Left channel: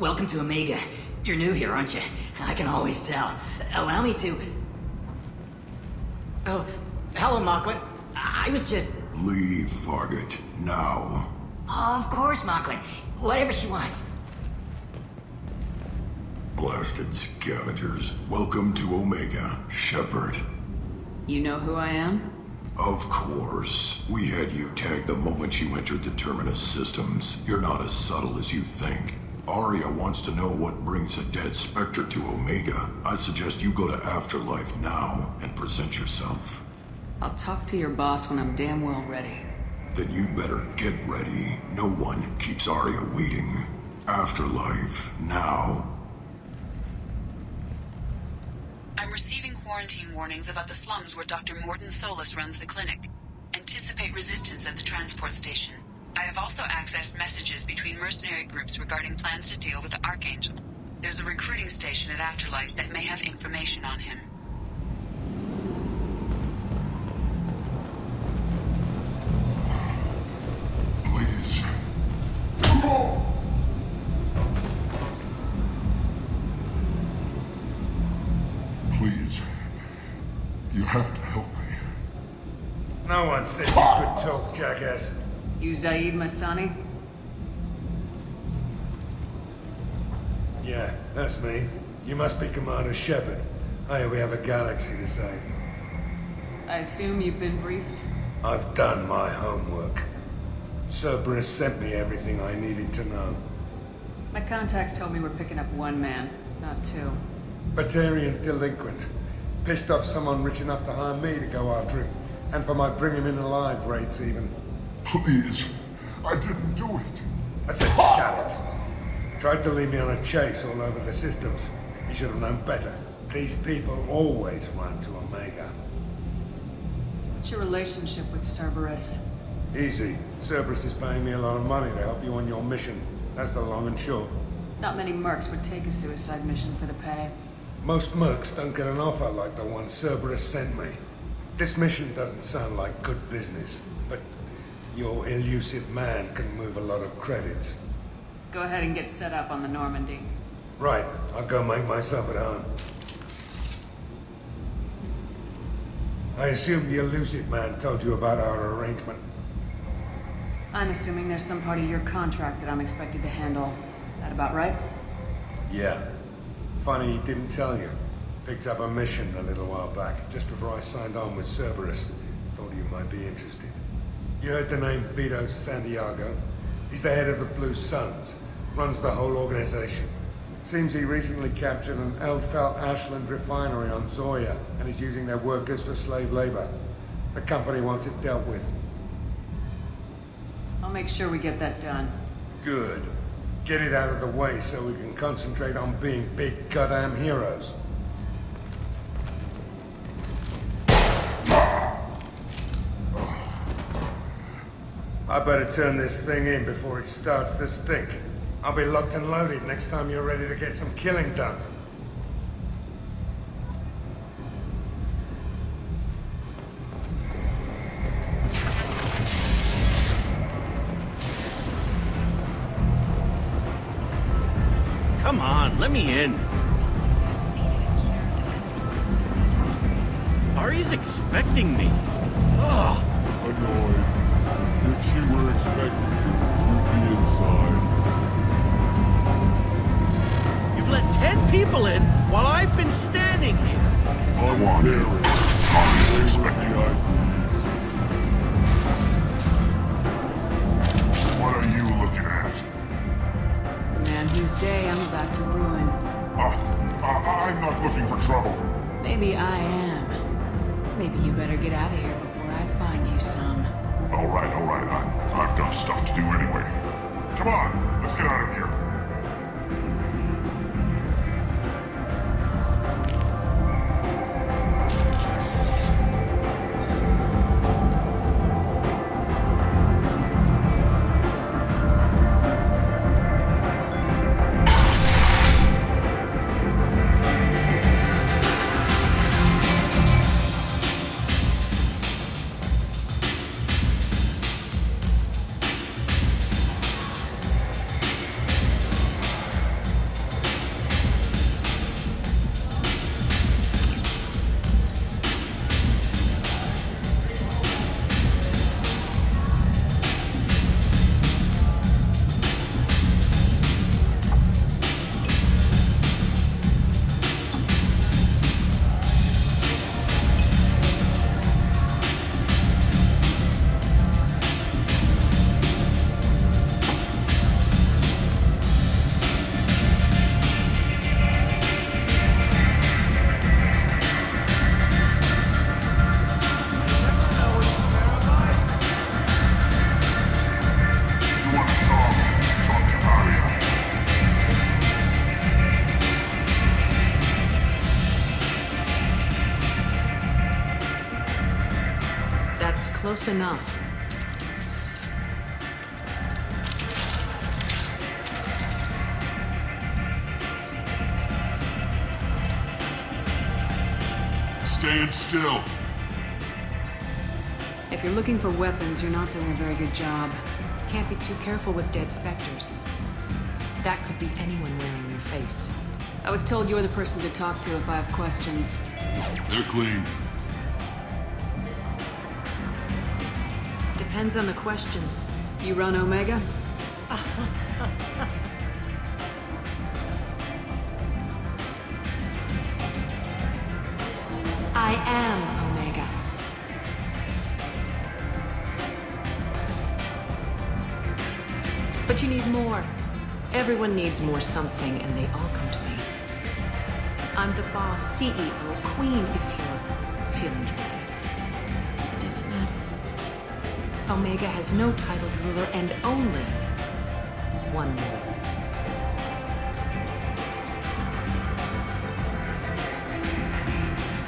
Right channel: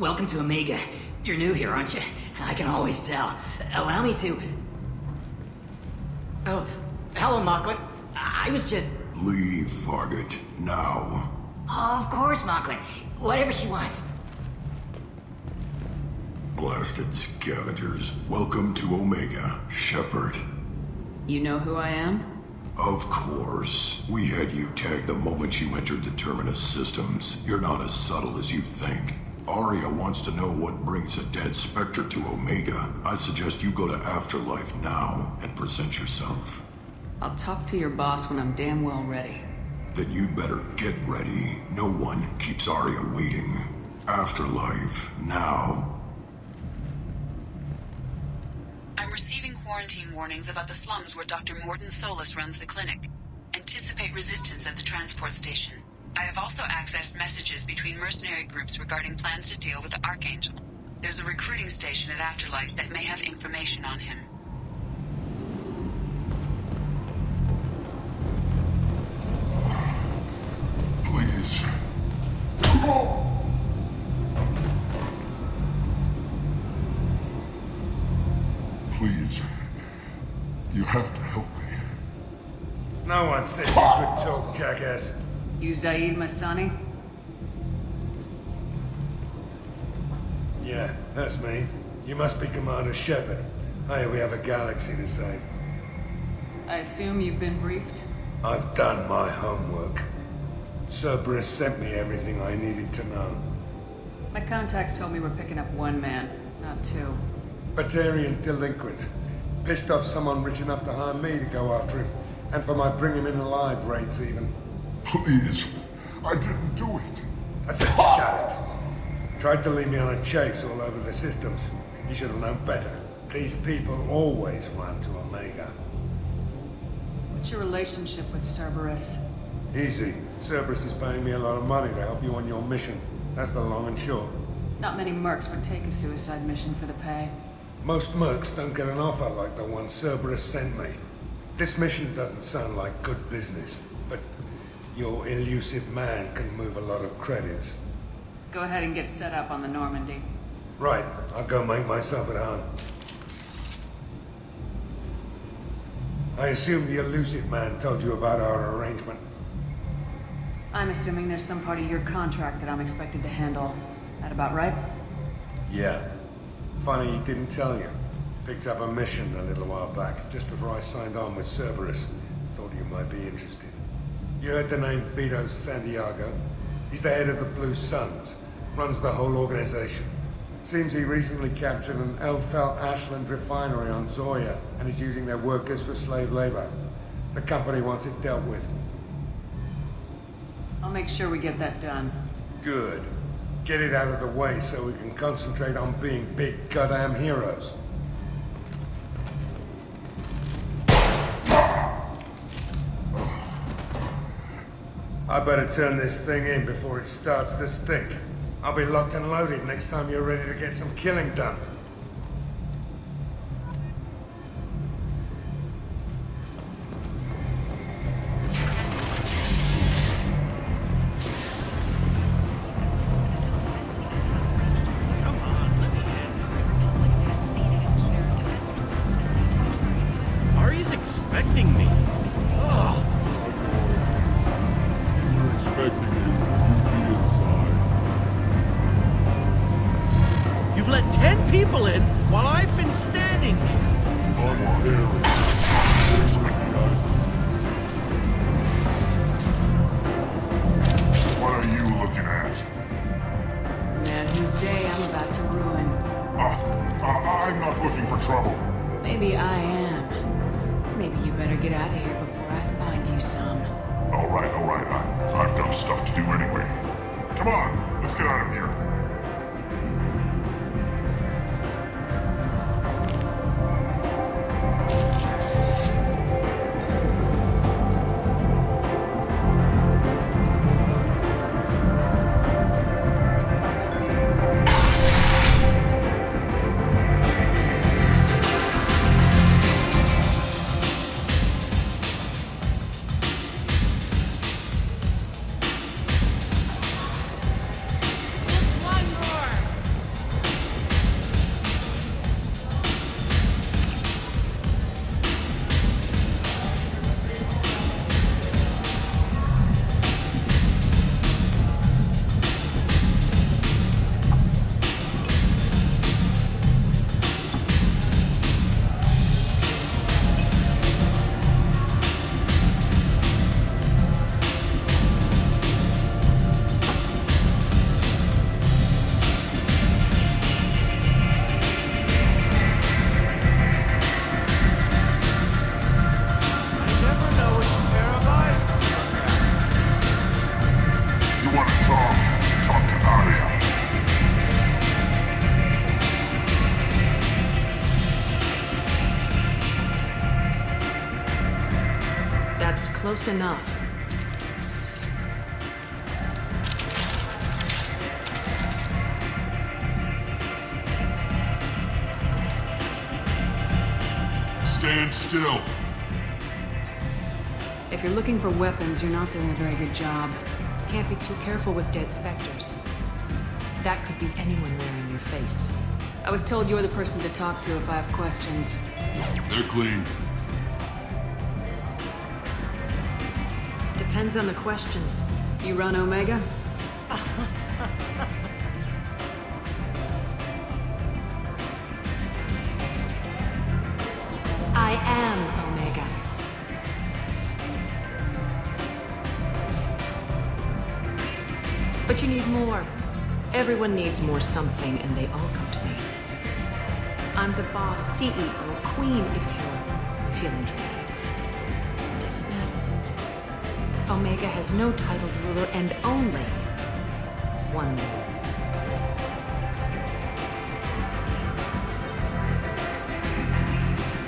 Welcome to Omega. You're new here, aren't you? I can always tell. Allow me to... Oh, hello, Mocklin. I was just... Leave, Fargate, now. Of course, Mocklin. Whatever she wants. Blasted scavengers. Welcome to Omega, Shepard. You know who I am? Of course. We had you tagged the moment you entered the Terminus Systems. You're not as subtle as you think. Aria wants to know what brings a dead Spectre to Omega. I suggest you go to Afterlife now and present yourself. I'll talk to your boss when I'm damn well ready. Then you'd better get ready. No one keeps Aria waiting. Afterlife, now. I'm receiving quarantine warnings about the slums where Dr. Mordin Solus runs the clinic. Anticipate resistance at the transport station. I have also accessed messages between mercenary groups regarding plans to deal with the Archangel. There's a recruiting station at Afterlife that may have information on him. Please. Please. You have to help me. No one said you could talk, jackass. You Zaeed Massani? Yeah, that's me. You must be Commander Shepard. Hey, we have a galaxy to save. I assume you've been briefed? I've done my homework. Cerberus sent me everything I needed to know. My contacts told me we're picking up one man, not two. Batarian delinquent. Pissed off someone rich enough to hire me to go after him. And for my bring him in alive rates even. Please. I didn't do it. I said shut it. Tried to lead me on a chase all over the systems. He should have known better. These people always run to Omega. What's your relationship with Cerberus? Easy. Cerberus is paying me a lot of money to help you on your mission. That's the long and short. Not many mercs would take a suicide mission for the pay. Most mercs don't get an offer like the one Cerberus sent me. This mission doesn't sound like good business, but your elusive man can move a lot of credits. Go ahead and get set up on the Normandy. Right, I'll go make myself at home. I assume the elusive man told you about our arrangement. I'm assuming there's some part of your contract that I'm expected to handle. That about right? Yeah. Funny he didn't tell you. Picked up a mission a little while back, just before I signed on with Cerberus. Thought you might be interested. You heard the name Vito Santiago? He's the head of the Blue Suns. Runs the whole organization. Seems he recently captured an Eldfell Ashland refinery on Zoya, and is using their workers for slave labor. The company wants it dealt with. I'll make sure we get that done. Good. Get it out of the way so we can concentrate on being big goddamn heroes. I better turn this thing in before it starts to stink. I'll be locked and loaded next time you're ready to get some killing done. Come on, let me in. If she were expecting you, you'd be inside. Go on in. I'm expecting you. What are you looking at? The man whose day I'm about to ruin. I'm not looking for trouble. Maybe I am. Maybe you better get out of here before I find you some. All right. I've got stuff to do anyway. Come on, let's get out of here. you want to talk, talk to Aria. That's close enough. Stand still. If you're looking for weapons, you're not doing a very good job. Can't be too careful with dead specters. That could be anyone wearing your face. I was told you're the person to talk to if I have questions. They're clean. Depends on the questions. You run Omega? I am Omega. But you need more. Everyone needs more something, and they all come to me. I'm the boss, CEO, queen, if you're feeling dramatic. It doesn't matter. Omega has no titled ruler and only one rule.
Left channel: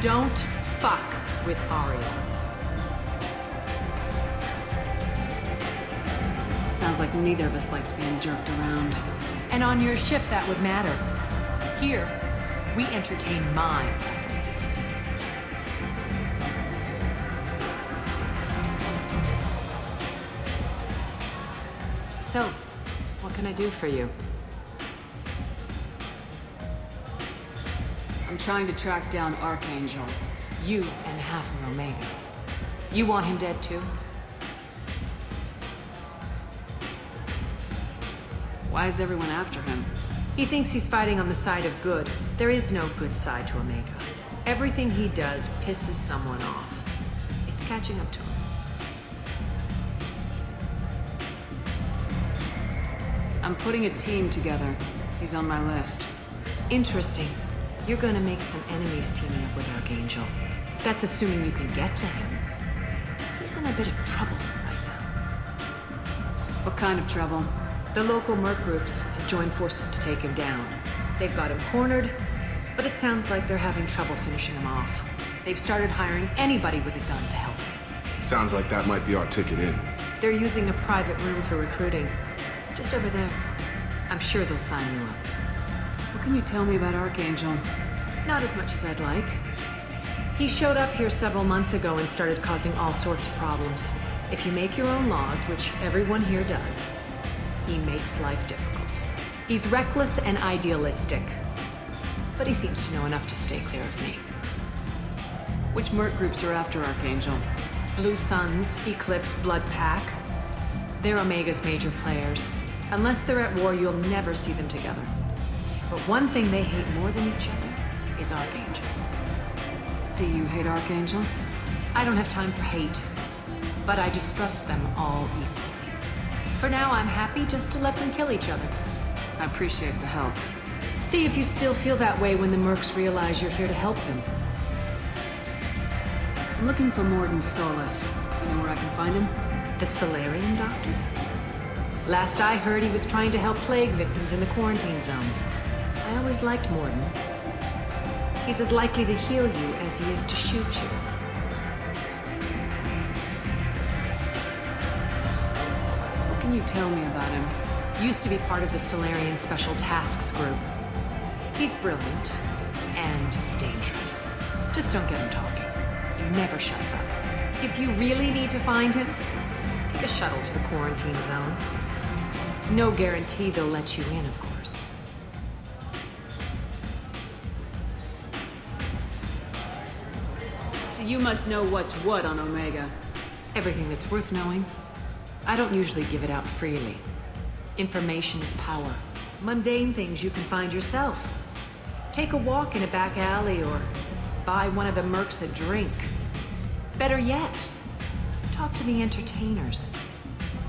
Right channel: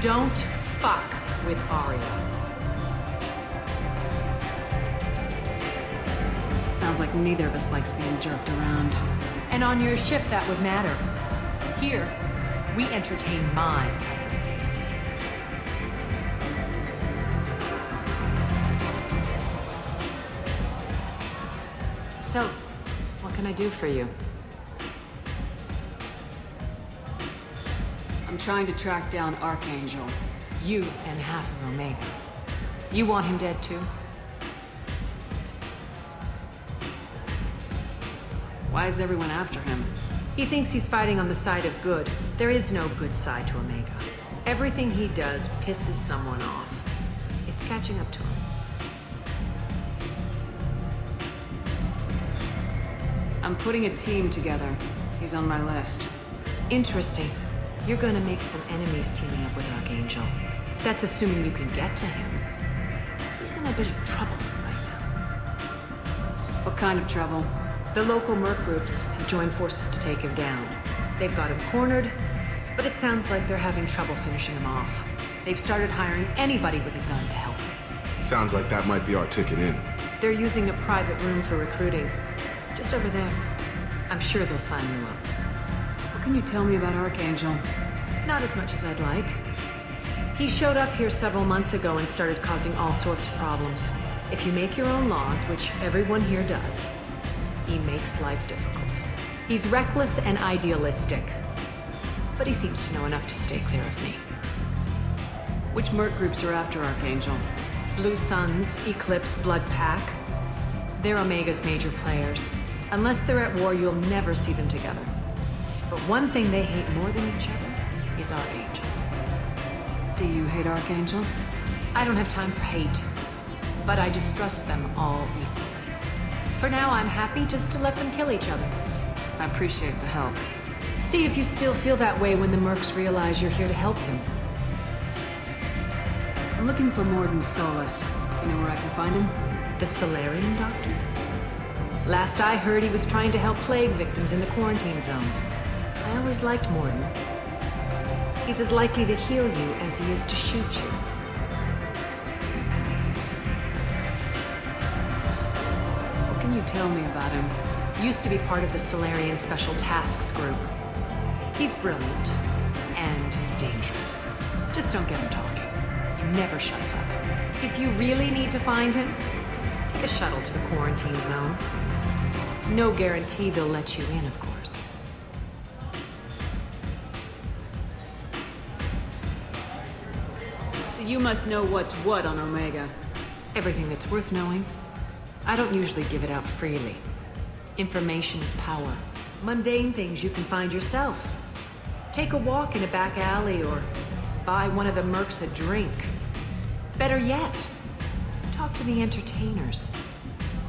Don't fuck with Aria. Sounds like neither of us likes being jerked around. And on your ship, that would matter. Here, we entertain my preferences. So, what can I do for you? I'm trying to track down Archangel. You and half of Omega. You want him dead too? Why is everyone after him? He thinks he's fighting on the side of good. There is no good side to Omega. Everything he does pisses someone off. It's catching up to him. I'm putting a team together. He's on my list. Interesting. You're gonna make some enemies teaming up with Archangel. That's assuming you can get to him. He's in a bit of trouble right now. What kind of trouble? The local merc groups have joined forces to take him down. They've got him cornered, but it sounds like they're having trouble finishing him off. They've started hiring anybody with a gun to help them. Sounds like that might be our ticket in. They're using a private room for recruiting. Just over there. I'm sure they'll sign you up. What can you tell me about Archangel? Not as much as I'd like. He showed up here several months ago and started causing all sorts of problems. If you make your own laws, which everyone here does, he makes life difficult. He's reckless and idealistic. But he seems to know enough to stay clear of me. Which merc groups are after Archangel? Blue Suns, Eclipse, Blood Pack. They're Omega's major players. Unless they're at war, you'll never see them together. But one thing they hate more than each other is Archangel. Do you hate Archangel? I don't have time for hate, but I distrust them all equally. For now, I'm happy just to let them kill each other. I appreciate the help. See if you still feel that way when the mercs realize you're here to help him. I'm looking for Morden Solus. Do you know where I can find him? The Solarian doctor? Last I heard, he was trying to help plague victims in the quarantine zone. I always liked Morden. He's as likely to heal you as he is to shoot you. What can you tell me about him? Used to be part of the Solarian Special Tasks Group. He's brilliant and dangerous. Just don't get him talking. He never shuts up. If you really need to find him, take a shuttle to the quarantine zone. No guarantee they'll let you in, of course. So you must know what's what on Omega. Everything that's worth knowing. I don't usually give it out freely. Information is power. Mundane things you can find yourself. Take a walk in a back alley or buy one of the mercs a drink. Better yet, talk to the entertainers.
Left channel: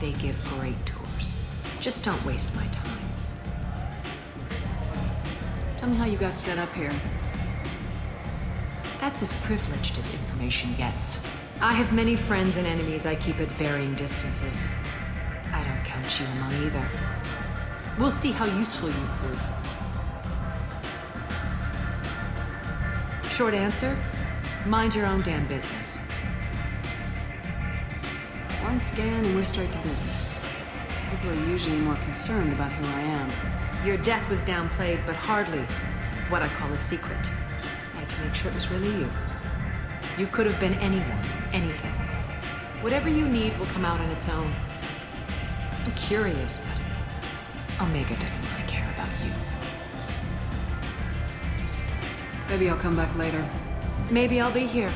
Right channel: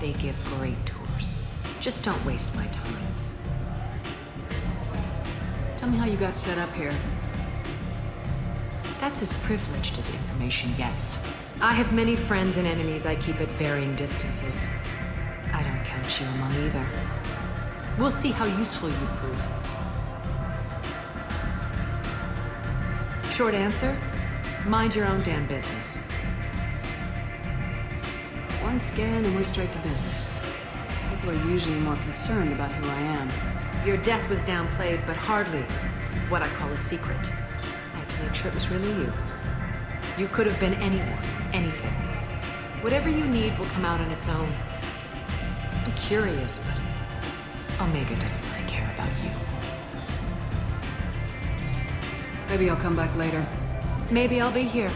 They give great tours. Just don't waste my time. Tell me how you got set up here. That's as privileged as information gets. I have many friends and enemies I keep at varying distances. I don't count you among either. We'll see how useful you prove. Short answer, mind your own damn business. One scan and we're straight to business. People are usually more concerned about who I am. Your death was downplayed, but hardly what I call a secret. I had to make sure it was really you. You could have been anyone, anything. Whatever you need will come out on its own. I'm curious, but Omega doesn't really care about you. Maybe I'll come back later. Maybe I'll be here.